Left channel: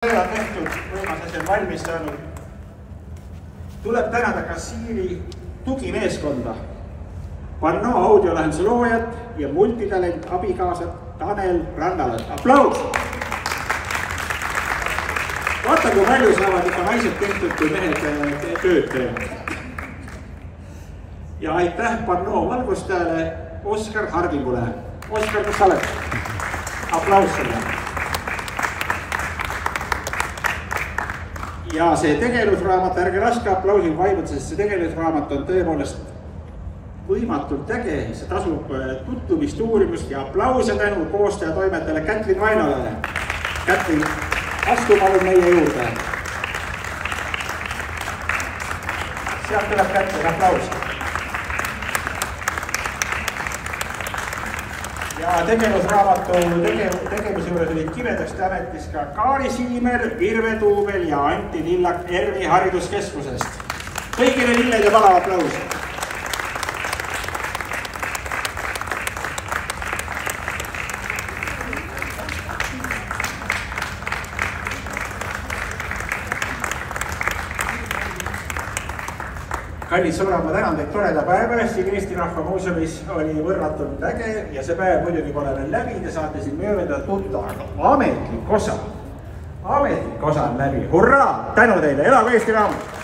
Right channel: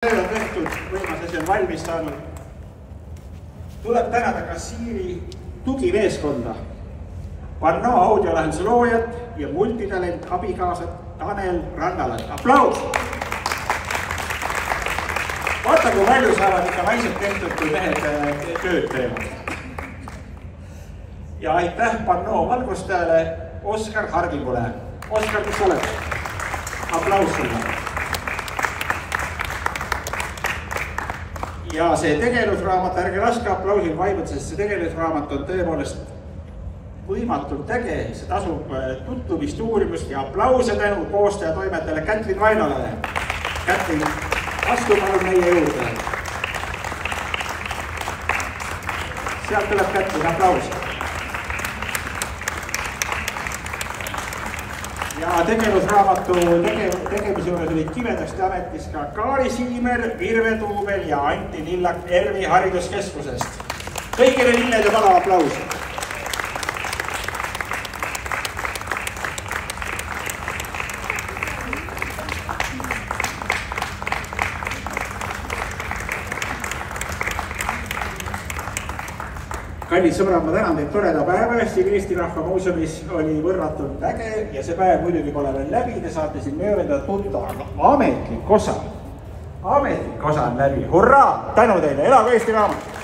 on tehtud, võimas asi on valmis saanud. Tuleb tänada kassiiri tugimeeskonda, Pannoo audiolahenduse loojat ja multitalent abikaasat Tanel Rannalat. Aplaus! Vaata, kui palju saavad ikka naised tehtud, kui mehed tööd teevad. Ja aitäh Pannoo valgustajale Oskar Hardingule. Oskar, kus sa oled? Aplaus selle. Ja see tegelusraamat, ärge laske aplausil vaibuda, sest see tegelusraamat on tõepoolest võimatult äge. See tasub tutvumist, uurimust ja aplause tänu koostaja toimetajale Kätlin Vainolale. Kätlin, astu palun meie juurde. Sealt tuleb Kätlin, aplaus. Ja tegelusraamatu tegevuse juures olid Kivedasti ametis ka Kaari Siimer, Virve Tuubel ja Anti Lillak ERVi hariduskeskusest. Kõigile lilled ja palav aplaus. Kallid sõbrad, ma tänan teid toreda päeva eest. Eesti Rahva Muuseumis oli võrratult äge ja see päev muidugi pole veel läbi. Te saate siin mööda tunda, aga ametlik osa on läbi. Hurraa! Tänu teile! Elagu Eesti Raamat!